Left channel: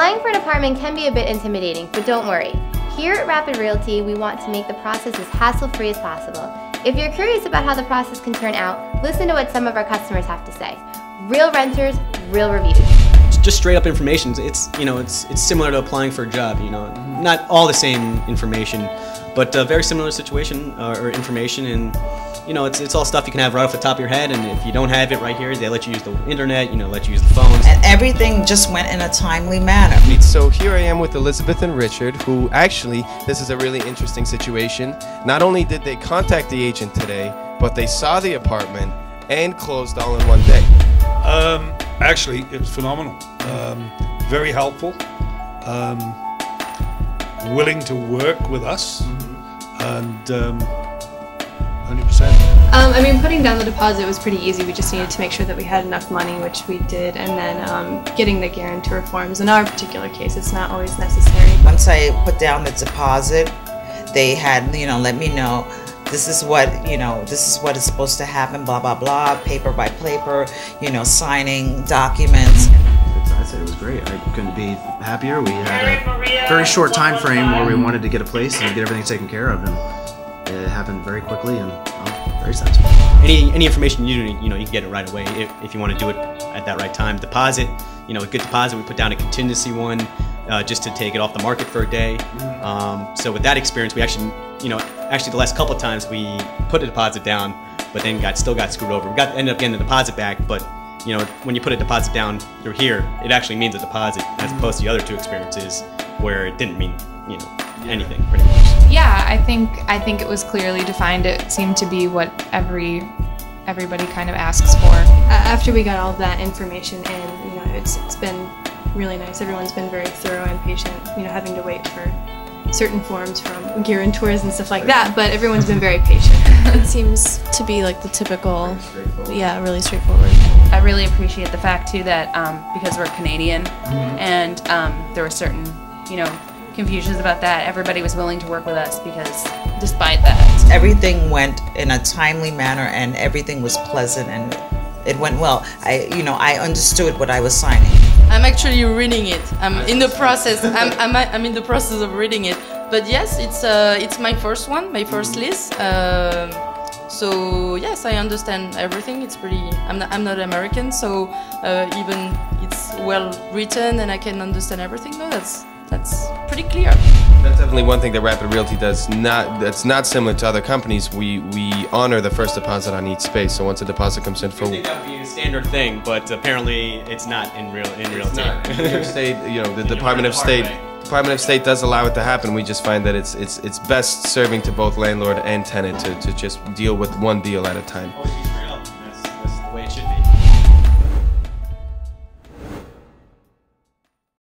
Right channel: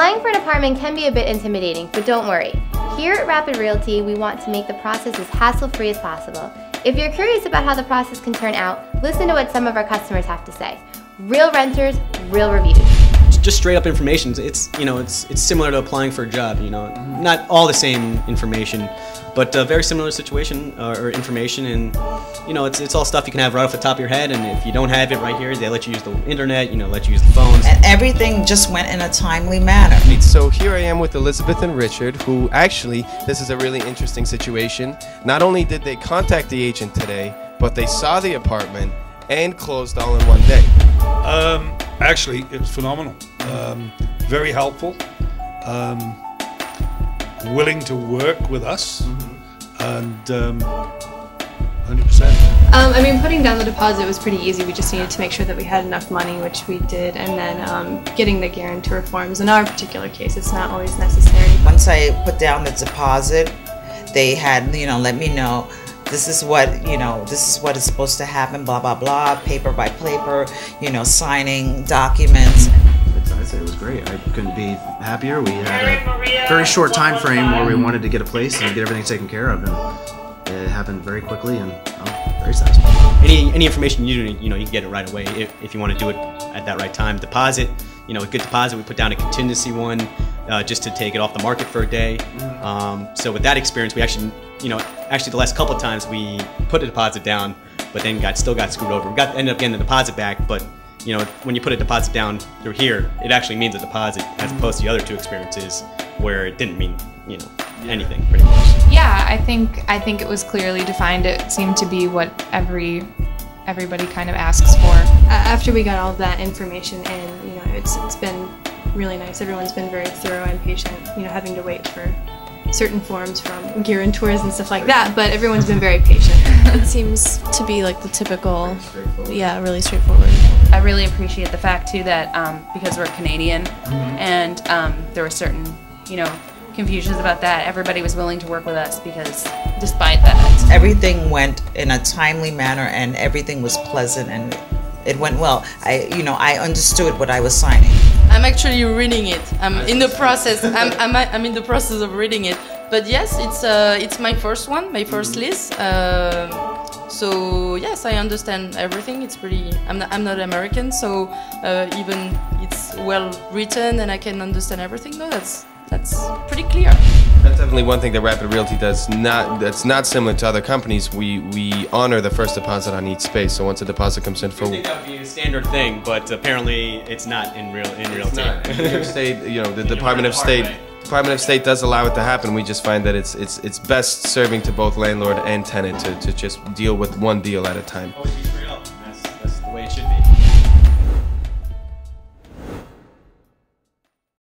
Applying for an apartment can be a bit intimidating, but don't worry. Here at Rapid Realty, we want to make the process as hassle-free as possible. If you're curious about how the process can turn out, listen to what some of our customers have to say. Real renters, real reviews. Just straight up information. It's similar to applying for a job. Not all the same information, but a very similar situation or information. And it's all stuff you can have right off the top of your head. And if you don't have it right here, they let you use the internet. Let you use the phones. And everything just went in a timely manner. So here I am with Elizabeth and Richard, who actually, this is a really interesting situation. Not only did they contact the agent today, but they saw the apartment and closed all in one day. Actually, it was phenomenal. Very helpful. Willing to work with us, and 100%. I mean, putting down the deposit was pretty easy. We just needed to make sure that we had enough money, which we did, and then getting the guarantor forms. In our particular case, it's not always necessary. Once I put down the deposit, they had, let me know, this is what is supposed to happen, blah, blah, blah, paper by paper, signing documents. I'd say it was great. I couldn't be happier. We had a very short time frame where we wanted to get a place and get everything taken care of, and it happened very quickly, and very satisfying. Any information you need, you can get it right away if you want to do it at that right time. Deposit, a good deposit. We put down a contingency one just to take it off the market for a day. So with that experience, we actually, the last couple of times we put a deposit down, but then still got screwed over. We ended up getting the deposit back, but when you put a deposit down through here, it actually means a deposit, as opposed to the other two experiences where it didn't mean, anything pretty much. Yeah, I think it was clearly defined. It seemed to be what everybody kind of asks for. After we got all of that information in, it's been really nice. Everyone's been very thorough and patient, having to wait for certain forms from guarantors and stuff like that, but everyone's been very patient. It seems to be like the typical, really straightforward. I really appreciate the fact too that because we're Canadian and there were certain, confusions about that, everybody was willing to work with us because despite that. Everything went in a timely manner and everything was pleasant and it went well. I understood what I was signing. I'm actually reading it. I'm in the process. I'm in the process of reading it. But yes, it's my first one, my first list. So yes, I understand everything. It's pretty. I'm not American, so even it's well written and I can understand everything. No, that's pretty clear. That's definitely one thing that Rapid Realty does. That's not similar to other companies. We honor the first deposit on each space. So once a deposit comes in, I think that would be a standard thing, but apparently it's not in Realty. New York State, the Department of State does allow it to happen. We just find that it's best serving to both landlord and tenant to just deal with one deal at a time. Always be real. That's the way it should be.